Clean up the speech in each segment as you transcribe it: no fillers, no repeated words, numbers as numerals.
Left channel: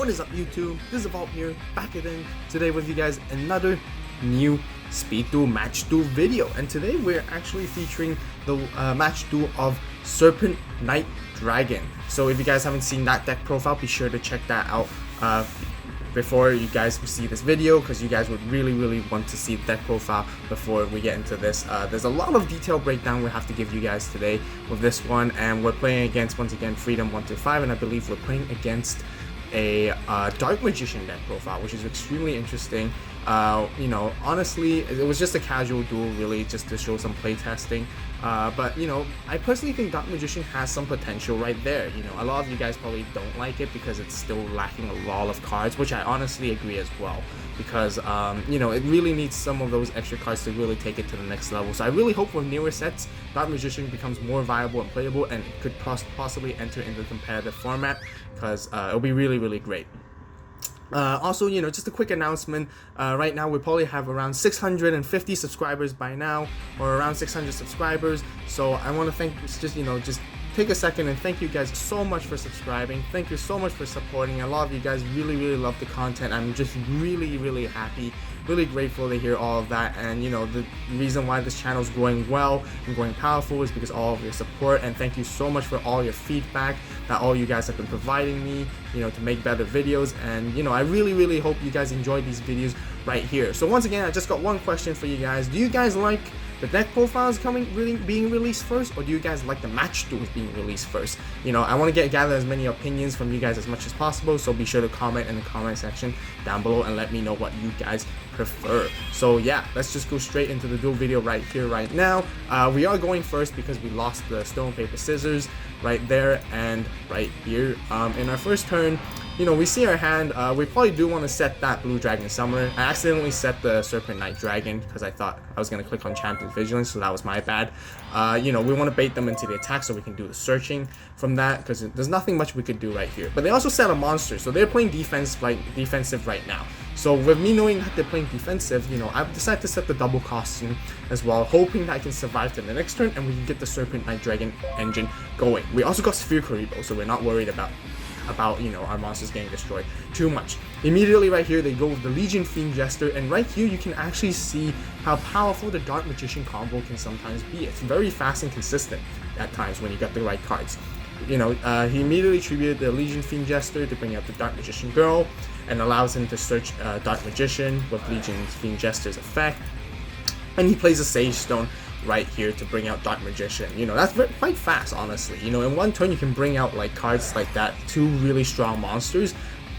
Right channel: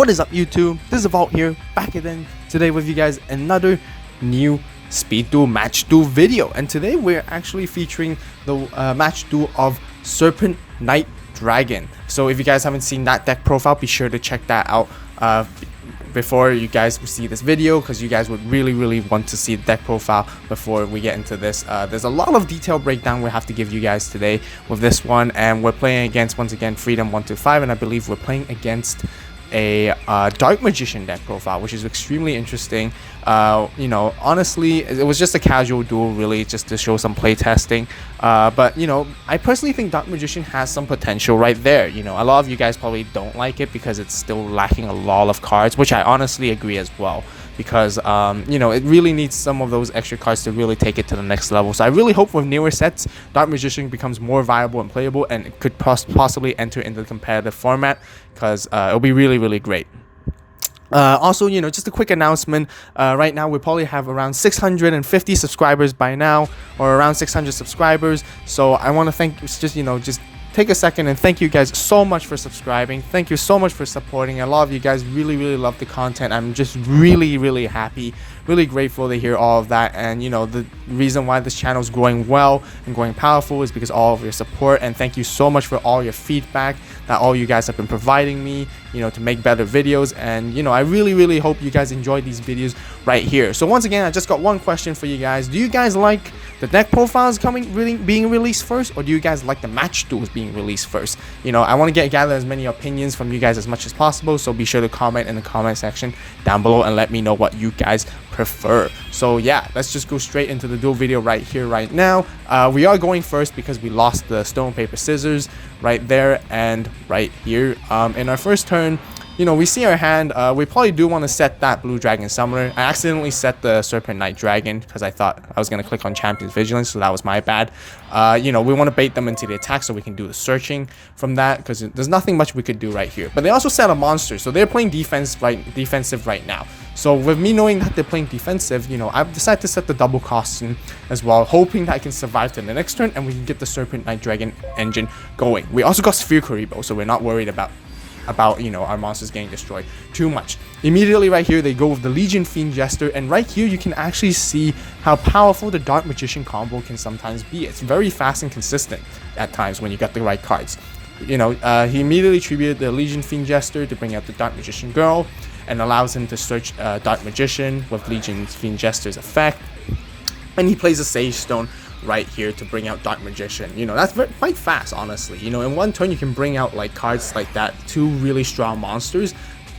What is up, YouTube? This is AVAULT here, back again today with you guys, another new Speed Duel Match Duel video. And today we're actually featuring the Match Duel of Serpent Knight Dragon. So if you guys haven't seen that deck profile, be sure to check that out before you guys see this video, because you guys would really want to see the deck profile before we get into this. There's a lot of detailed breakdown we have to give you guys today with this one, and we're playing against, once again, Freedom 125, and I believe we're playing against a Dark Magician deck profile, which is extremely interesting. You know, honestly, it was just a casual duel, really, just to show some play testing. But you know, I personally think Dark Magician has some potential right there. You know, a lot of you guys probably don't like it because it's still lacking a lot of cards, which I honestly agree as well. Because you know, it really needs some of those extra cards to really take it to the next level. So I really hope with newer sets, Dark Magician becomes more viable and playable, and it could possibly enter into the competitive format, because it'll be really great. Also, you know, just a quick announcement. Right now we probably have around 650 subscribers by now, or around 600 subscribers. So I want to thank, just take a second and thank you guys so much for subscribing. Thank you so much for supporting. A lot of you guys really love the content. I'm just really happy, really grateful to hear all of that. And you know, the reason why this channel is growing well and growing powerful is because all of your support. And thank you so much for all your feedback that all you guys have been providing me, you know, to make better videos. And you know, I really hope you guys enjoy these videos right here. So once again, I just got one question for you guys. Do you guys like the deck profiles being released first, or do you guys like the match duels being released first? You know, I want to gather as many opinions from you guys as much as possible, so be sure to comment in the comment section down below and let me know what you guys prefer. So yeah, let's just go straight into the duel video right here, right now. We are going first because we lost the stone, paper, scissors right there and right here. In our first turn, you know, we see our hand. We probably do want to set that blue dragon summoner. I accidentally set the Serpent Knight Dragon because I thought I was going to click on Champion's Vigilance, so that was my bad. You know, we want to bait them into the attack so we can do the searching from that, because there's nothing much we could do right here. But they also set a monster, so they're playing defensive right now. So with me knowing that they're playing defensive, you know, I've decided to set the double costume as well, hoping that I can survive to the next turn and we can get the Serpent Knight Dragon engine going. We also got Sphere Karibo, so we're not worried about you know, our monsters getting destroyed too much. Immediately right here they go with the Legion Fiend Jester, and right here you can actually see how powerful the Dark Magician combo can sometimes be. It's very fast and consistent at times when you got the right cards. You know, he immediately tributed the Legion Fiend Jester to bring out the Dark Magician Girl, and allows him to search Dark Magician with Legion Fiend Jester's effect, and he plays a Sage Stone right here to bring out Dark Magician. You know, that's quite fast, honestly. You know, in one turn you can bring out like cards like that, two really strong monsters,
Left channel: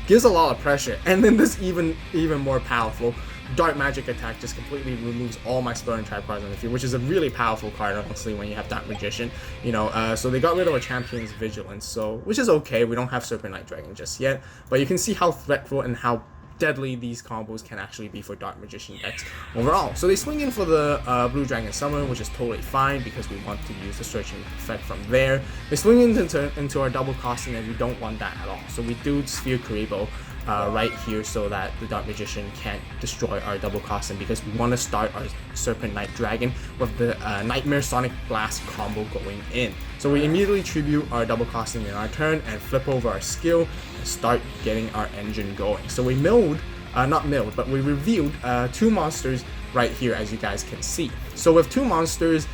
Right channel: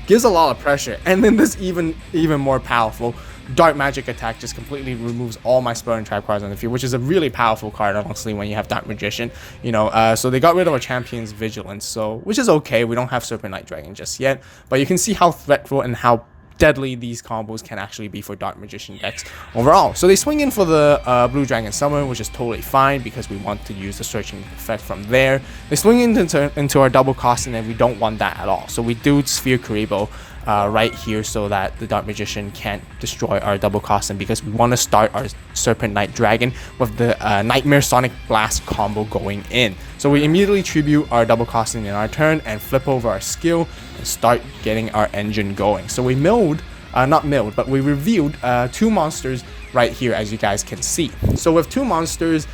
gives a lot of pressure. And then this even more powerful Dark Magic attack just completely removes all my spell and trap cards on the field, which is a really powerful card, honestly, when you have Dark Magician. You know, so they got rid of our Champion's Vigilance, so which is okay. We don't have Serpent Knight Dragon just yet, but you can see how threatful and how deadly these combos can actually be for Dark Magician decks overall. So they swing in for the Blue Dragon Summon, which is totally fine because we want to use the searching effect from there. They swing into our double costing, and we don't want that at all. So we do Sphere Karibo right here so that the Dark Magician can't destroy our double costing, because we want to start our Serpent Knight Dragon with the Nightmare Sonic Blast combo going in. So we immediately tribute our double costing in our turn and flip over our skill and start getting our engine going. So we we revealed two monsters right here, as you guys can see. So with two monsters,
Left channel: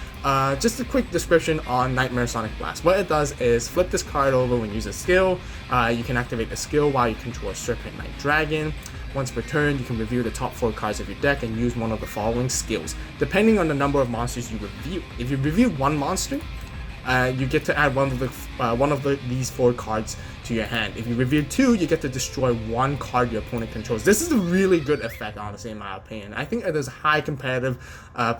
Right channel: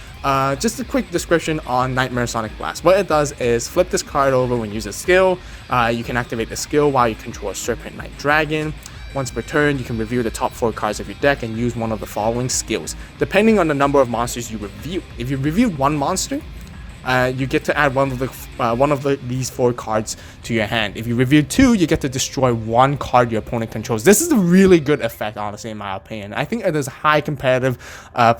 just a quick description on Nightmare Sonic Blast. What it does is flip this card over when you use a skill. You can activate the skill while you control a Serpent Knight Dragon. Once per turn, you can review the top 4 cards of your deck and use one of the following skills, depending on the number of monsters you review. If you review one monster, you get to add one of these 4 cards to your hand. If you review 2, you get to destroy 1 card your opponent controls. This is a really good effect, honestly, in my opinion. I think there's high competitive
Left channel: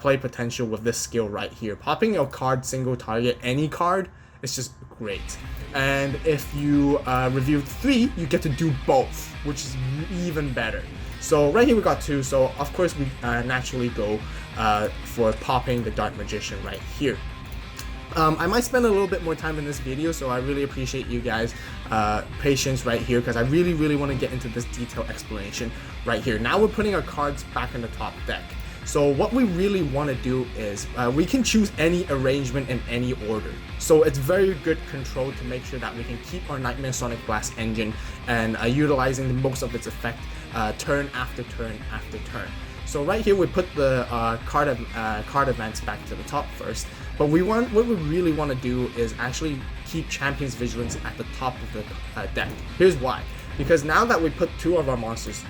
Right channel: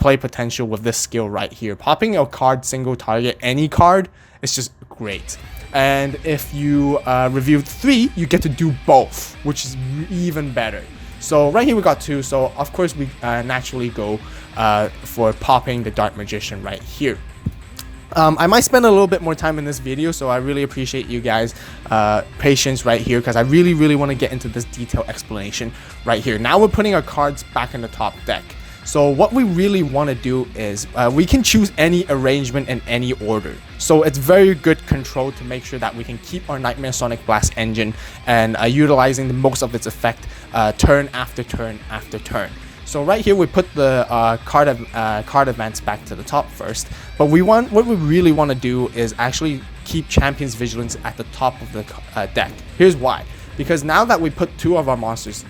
play potential with this skill right here. Popping a card single target any card is just great. And if you review 3, you get to do both, which is even better. So right here we got 2, so of course we naturally go for popping the Dark Magician right here. I might spend a little bit more time in this video, so I really appreciate you guys patience right here, because I really want to get into this detailed explanation right here. Now we're putting our cards back in the top deck. So what we really want to do is we can choose any arrangement in any order. So it's very good control to make sure that we can keep our Nightmare Sonic Blast engine and utilizing the most of its effect turn after turn after turn. So right here we put the card advance back to the top first, but what we really want to do is actually keep Champion's Vigilance at the top of the deck. Here's why. Because now that we put 2 of our monsters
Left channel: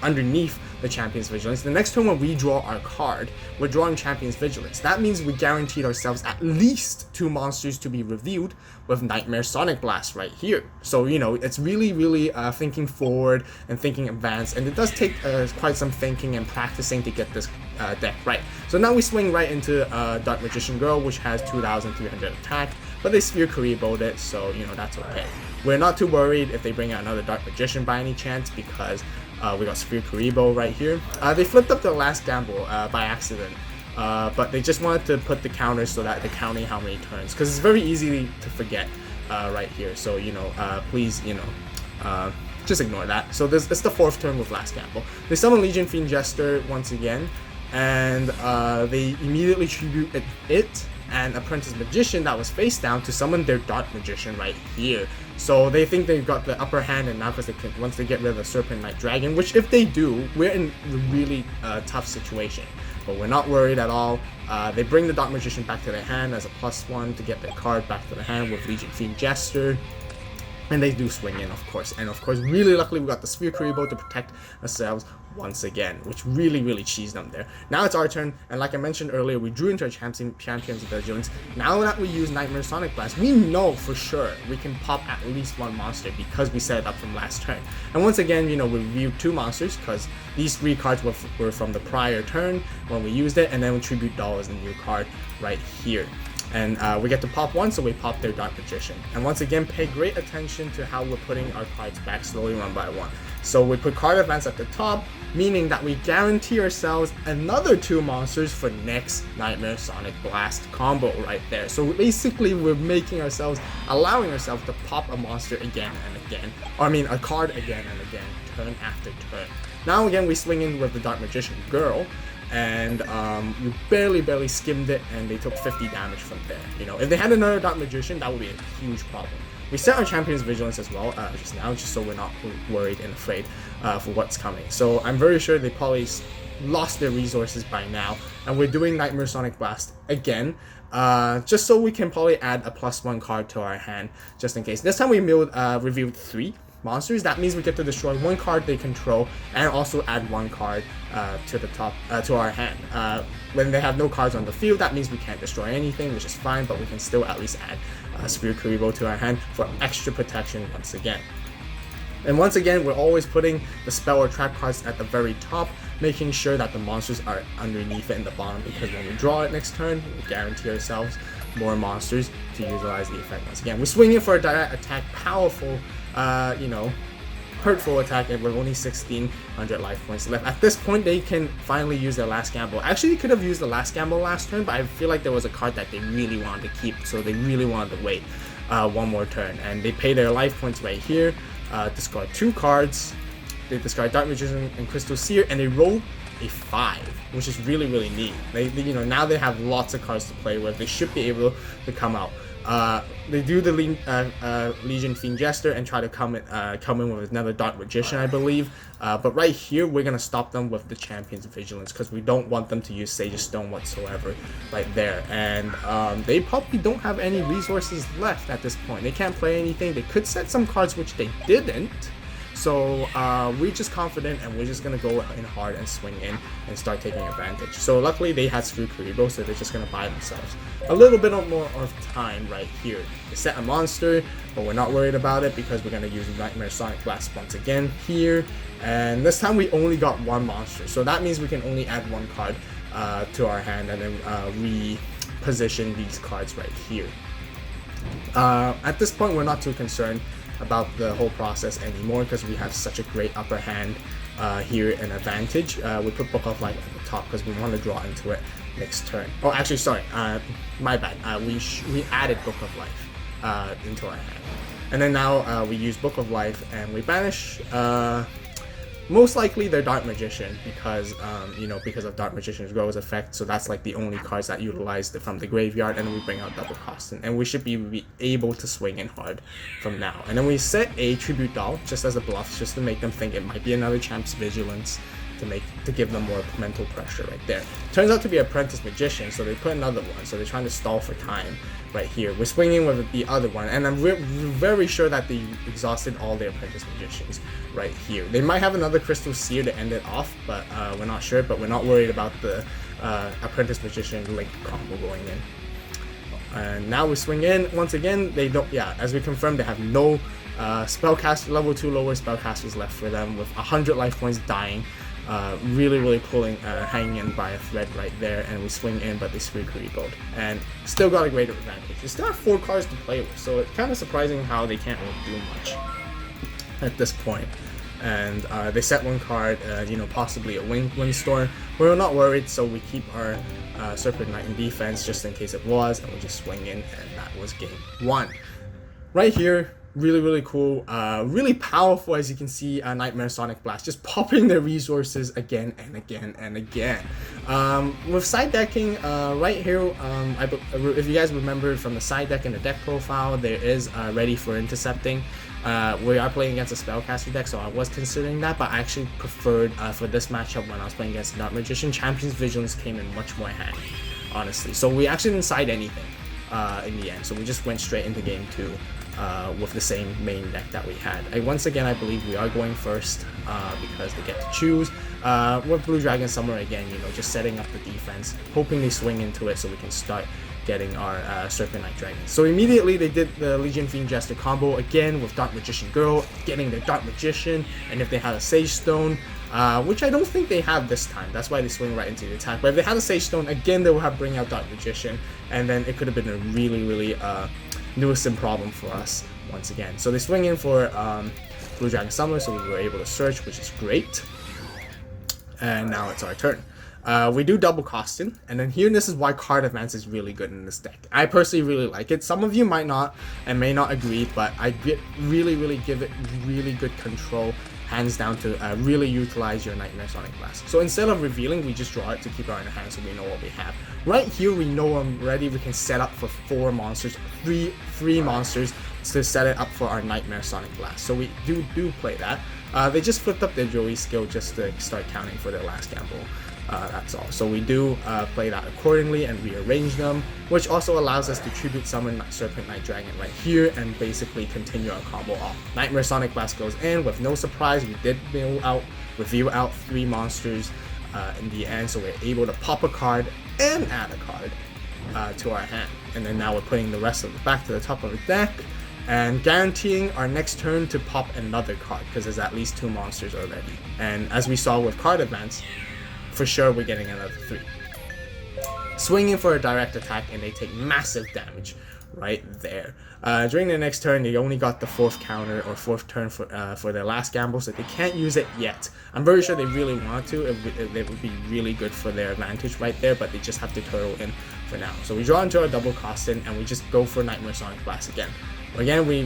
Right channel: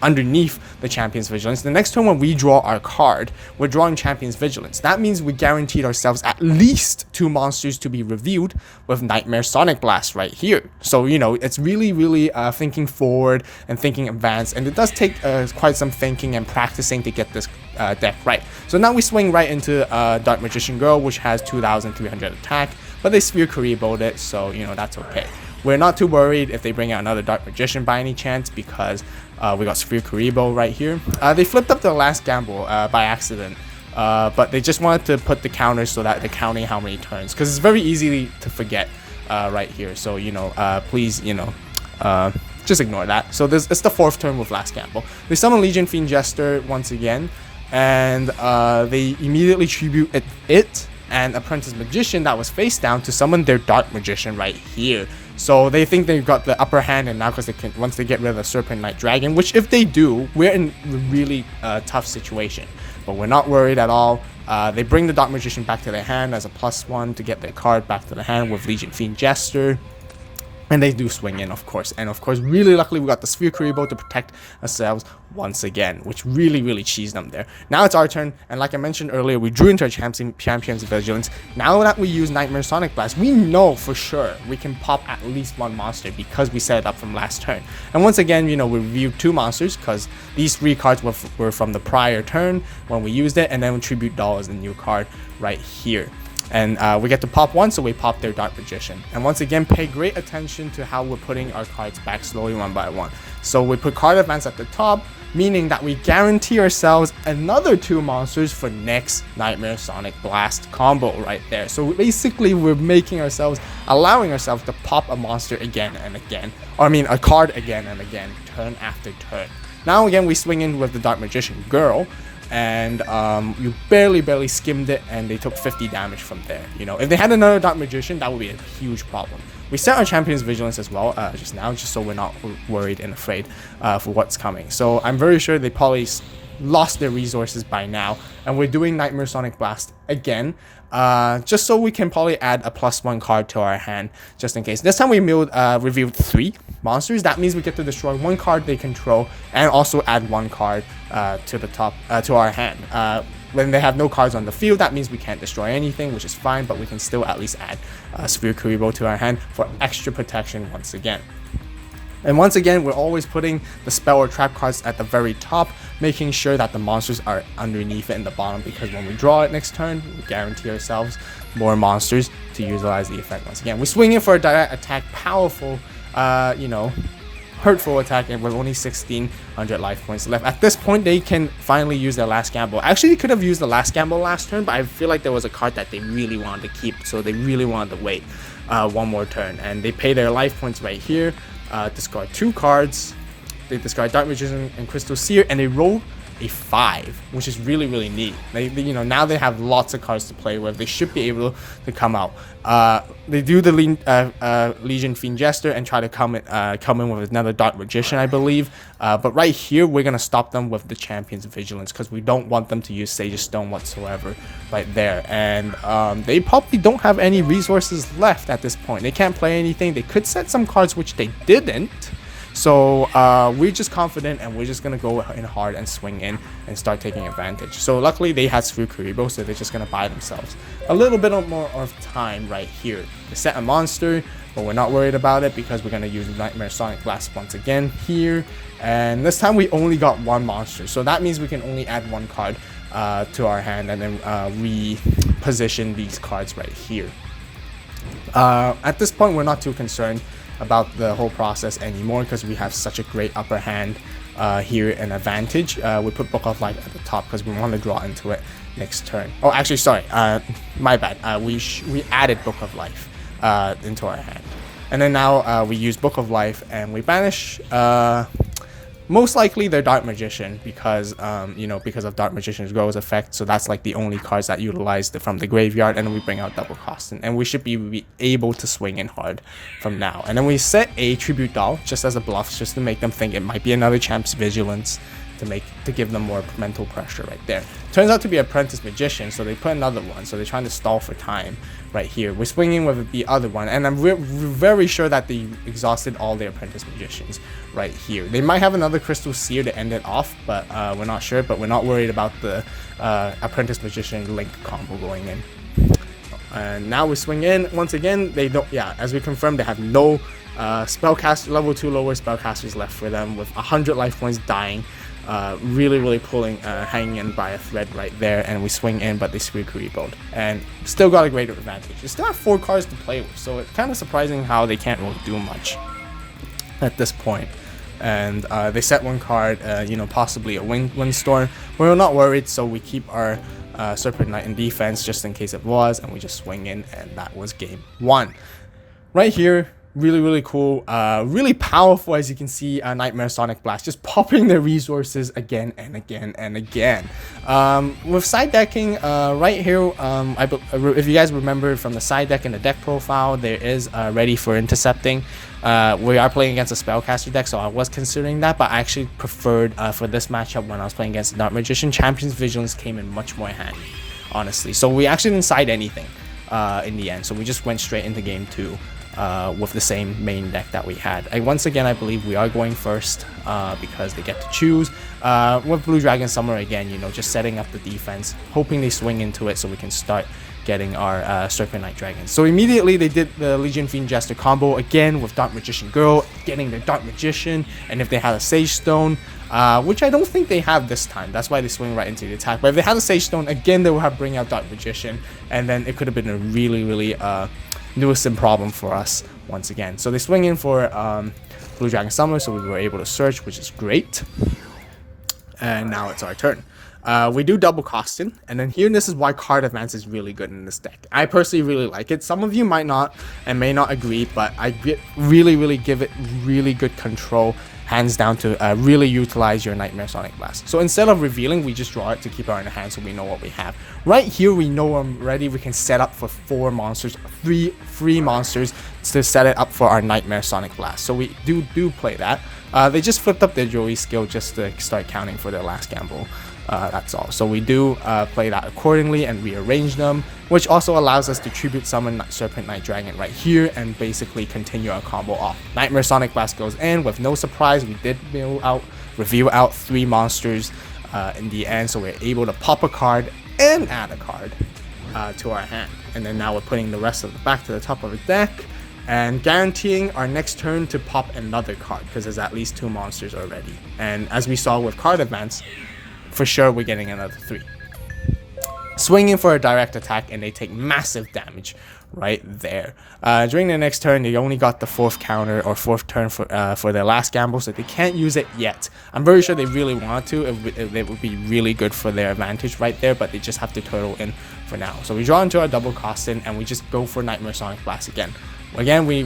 underneath the Champion's Vigilance, the next turn when we draw our card, we're drawing Champion's Vigilance. That means we guaranteed ourselves at least 2 monsters to be revealed with Nightmare Sonic Blast right here. So, you know, it's really thinking forward and thinking advanced, and it does take quite some thinking and practicing to get this deck right. So now we swing right into Dark Magician Girl, which has 2,300 attack, but they Sphere Karibo'd it, so, you know, that's okay. We're not too worried if they bring out another Dark Magician by any chance, because we got Sphere Karibo right here. They flipped up the last gamble by accident, but they just wanted to put the counters so that they're counting how many turns, because it's very easy to forget right here. So, you know, please, you know, just ignore that. So it's the 4th turn with last gamble. They summon Legion Fiend Jester once again, and they immediately tribute it and Apprentice Magician that was face down to summon their Dark Magician right here. So they think they've got the upper hand, and now because once they get rid of the Serpent Knight Dragon, which if they do, we're in a really tough situation. But we're not worried at all. They bring the Dark Magician back to their hand as a +1 to get their card back to the hand with Legion Fiend Jester. And they do swing in, of course. And of course, really luckily, we got the Sphere Karibo to protect ourselves once again, which really cheesed them there. Now it's our turn, and like I mentioned earlier, we drew into our Champion's Vigilance. Now that we use Nightmare Sonic Blast, we know for sure we can pop at least 1 monster because we set it up from last turn. And once again, you know, we reviewed 2 monsters because these 3 cards were from the prior turn when we used it, and then we Tribute Doll as a new card right here. And we get to pop 1, so we pop their Dark Magician. And once again, pay great attention to how we're putting our cards back slowly 1 by 1. So we put card advance at the top, meaning that we guarantee ourselves another 2 monsters for next Nightmare Sonic Blast combo right there. So basically, we're allowing ourselves to pop a monster again and again. Or I mean, a card again and again, turn after turn. Now again, we swing in with the Dark Magician Girl, and you barely skimmed it, and they took 50 damage from there. You know, if they had another Dark Magician, that would be a huge problem. We set our Champion's Vigilance as well just now, just so we're not worried and afraid for what's coming. So I'm very sure they probably lost their resources by now, and we're doing Nightmare Sonic Blast again, just so we can probably add a +1 card to our hand, just in case. This time we revealed 3 monsters. That means we get to destroy 1 card they control and also add 1 card to the top to our hand. When they have no cards on the field, that means we can't destroy anything, which is fine, but we can still at least add Sphere Karibo to our hand for extra protection once again. And once again, we're always putting the spell or trap cards at the very top, making sure that the monsters are underneath it in the bottom, because when we draw it next turn, we guarantee ourselves more monsters to utilize the effect once again. We swing in for a direct attack, powerful, you know, hurtful attack, and with only 1,600 life points left. At this point, they can finally use their last gamble. Actually, they could have used the last gamble last turn, but I feel like there was a card that they really wanted to keep, so they really wanted to wait 1 more turn. And they pay their life points right here, discard 2 cards. They discard Dark Magician and Crystal Seer, and they roll a 5, which is really neat. They you know, now they have lots of cards to play with. They should be able to come out. They do the Legion Fiend Jester and try to come in with another Dark Magician, I believe. But right here, we're gonna stop them with the Champion's Vigilance, because we don't want them to use Sage of Stone whatsoever right there. And they probably don't have any resources left at this point. They can't play anything. They could set some cards, which they didn't. So we're just confident, and we're just going to go in hard and swing in and start taking advantage. So luckily they had Sphere Karibo, so they're just going to buy themselves a little bit more of time right here. They set a monster, but we're not worried about it because we're going to use Nightmare Sonic Blast once again here. And this time we only got 1 monster, so that means we can only add 1 card to our hand and then reposition these cards right here. At this point, we're not too concerned about the whole process anymore because we have such a great upper hand here, an advantage. We put Book of Life at the top because we want to draw into it next turn. Oh, actually, sorry, my bad. We added Book of Life into our hand, and then now we use Book of Life and we banish Most likely they're Dark Magician because because of Dark Magician's Grow's effect. So that's like the only cards that utilize from the graveyard, and then we bring out double costing, and we should be able to swing in hard from now. And then we set a Tribute Doll just as a bluff, just to make them think it might be another Champ's Vigilance, to give them more mental pressure right there. Turns out to be Apprentice Magician, so they put another one, so they're trying to stall for time right here. We're swinging with the other one, and I'm very sure that they exhausted all their Apprentice Magicians right here. They might have another Crystal Seer to end it off, but we're not sure. But we're not worried about the Apprentice Magician Link combo going in. And now we swing in once again. They don't, as we confirmed, they have no spellcaster level 2 lower spellcasters left for them, with 100 life points dying. Really pulling, hanging in by a thread right there, and we swing in, but they screw Karibo'd, and still got a greater advantage. They still have 4 cards to play with, so it's kind of surprising how they can't really do much at this point. And they set 1 card, possibly a Windstorm. We're not worried, so we keep our Serpent Knight in defense just in case it was, and we just swing in, and that was game 1. Right here, really cool, really powerful, as you can see. Nightmare Sonic Blast just popping their resources again and again. With side decking right here, if you guys remember from the side deck and the deck profile, there is ready for intercepting. We are playing against a spellcaster deck, so I was considering that, but I actually preferred for this matchup, when I was playing against Dark Magician, Champion's Vigilance came in much more handy, honestly. So we actually didn't side anything in the end, so we just went straight into game 2 with the same main deck that we had. Once again, I believe we are going first because they get to choose. With Blue Dragon Summer again, just setting up the defense, hoping they swing into it so we can start getting our Serpent Knight Dragons. So immediately they did the Legion Fiend Jester combo again with Dark Magician Girl, getting their Dark Magician, and if they had a Sage Stone, which I don't think they have this time, that's why they swing right into the attack. But if they had a Sage Stone, again they will have bring out Dark Magician, and then it could have been a really nuisance problem for us once again. So they swing in for Blue Dragon Summoner, so we were able to search, which is great. And now it's our turn. We do double costing, and then here, this is why card advance is really good in this deck. I personally really like it. Some of you might not and may not agree, but I really give it really good control, hands down, to really utilize your Nightmare Sonic Blast. So instead of revealing, we just draw it to keep our in the hand so we know what we have. Right here, we know already we can set up for 4 monsters, three monsters to set it up for our Nightmare Sonic Blast. So we do play that. They just flipped up their Joey skill just to start counting for their last gamble. That's all. So we do play that accordingly and rearrange them, which also allows us to tribute summon Serpent Knight Dragon right here and basically continue our combo off. Nightmare Sonic Blast goes in with no surprise. We did reveal out 3 monsters in the end, so we're able to pop a card and add a card to our hand. And then now we're putting the rest of it back to the top of the deck and guaranteeing our next turn to pop another card, because there's at least 2 monsters already. And as we saw with card advance, for sure we're getting another 3. Swinging for a direct attack, and they take massive damage right there. During the next turn, they only got the 4th counter or 4th turn for their last gamble, so they can't use it yet. I'm very sure they really want to. It would be really good for their advantage right there, but they just have to turtle in for now. So we draw into our double costing, and we just go for Nightmare Sonic Blast again. Again, we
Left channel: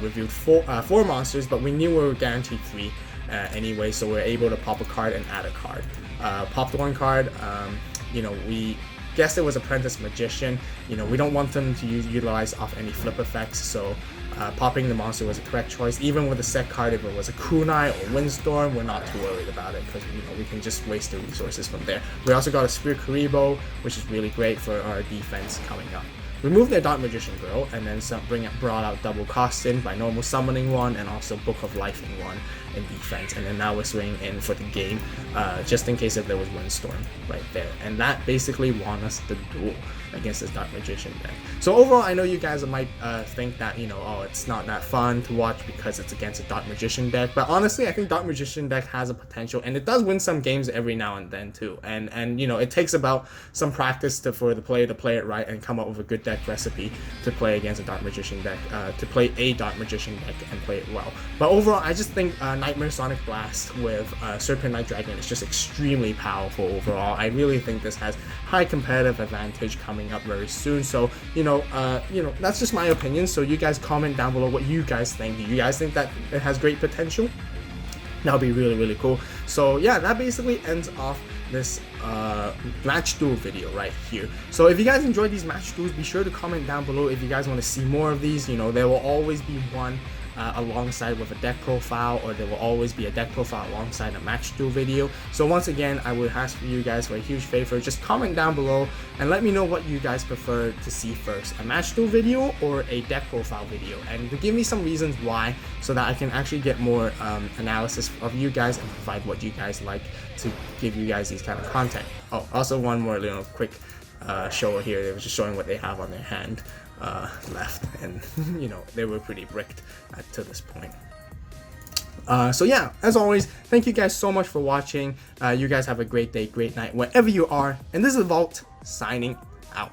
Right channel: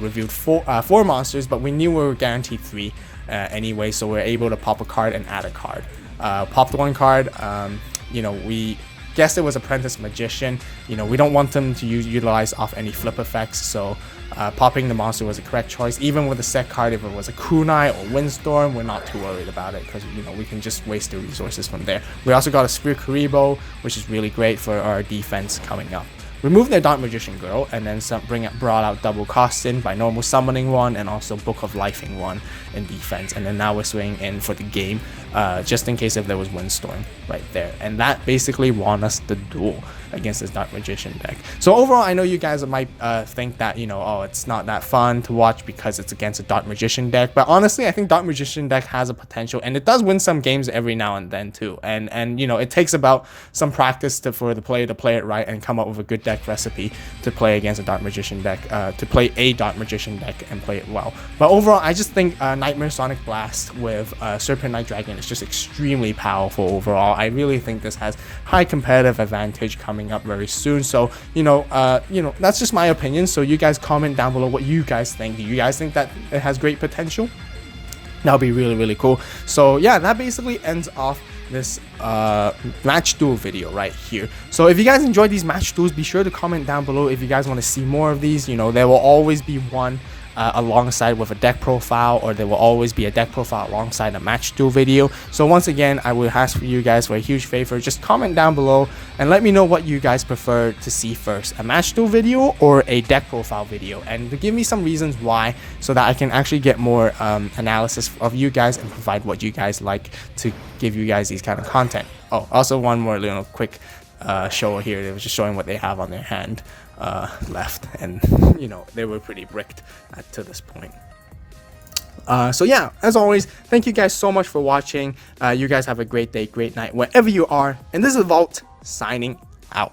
reviewed 4 monsters, but we knew we were guaranteed 3 anyway, so we're able to pop a card and add a card. Popped 1 card. We guessed it was Apprentice Magician. We don't want them to utilize off any flip effects, so popping the monster was a correct choice. Even with the set card, if it was a Kunai or Windstorm, we're not too worried about it, because we can just waste the resources from there. We also got a Spear Karibo, which is really great for our defense coming up. Remove their Dark Magician Girl, and then brought out double costing by normal summoning 1 and also Book of Lifing 1 in defense. And then now we're swinging in for the game, just in case if there was Windstorm right there. And that basically won us the duel against this Dark Magician deck. So overall, I know you guys might think that, it's not that fun to watch because it's against a Dark Magician deck, but honestly, I think Dark Magician deck has a potential, and it does win some games every now and then too. And it takes about some practice for the player to play it right and come up with a good deck recipe to play against a Dark Magician deck, to play a Dark Magician deck and play it well. But overall, I just think Nightmare Sonic Blast with Serpent Knight Dragon is just extremely powerful overall. I really think this has high competitive advantage coming up very soon. So that's just my opinion. So you guys comment down below what you guys think. Do you guys think that it has great potential? That'll be really cool. So yeah, that basically ends off this match duel video right here. So if you guys enjoyed these match duels, be sure to comment down below if you guys want to see more of these. You know, there will always be one alongside with a deck profile, or there will always be a deck profile alongside a match duel video. So once again, I would ask for you guys for a huge favor, just comment down below and let me know what you guys prefer to see first, a match duel video or a deck profile video, and to give me some reasons why, so that I can actually get more analysis of you guys and provide what you guys like to give you guys these kind of content. Oh, also one more little quick show here. They were just showing what they have on their hand left, and you know, they were pretty bricked to this point. So yeah, as always, thank you guys so much for watching. You guys have a great day, great night, wherever you are, and this is AVAULT signing out.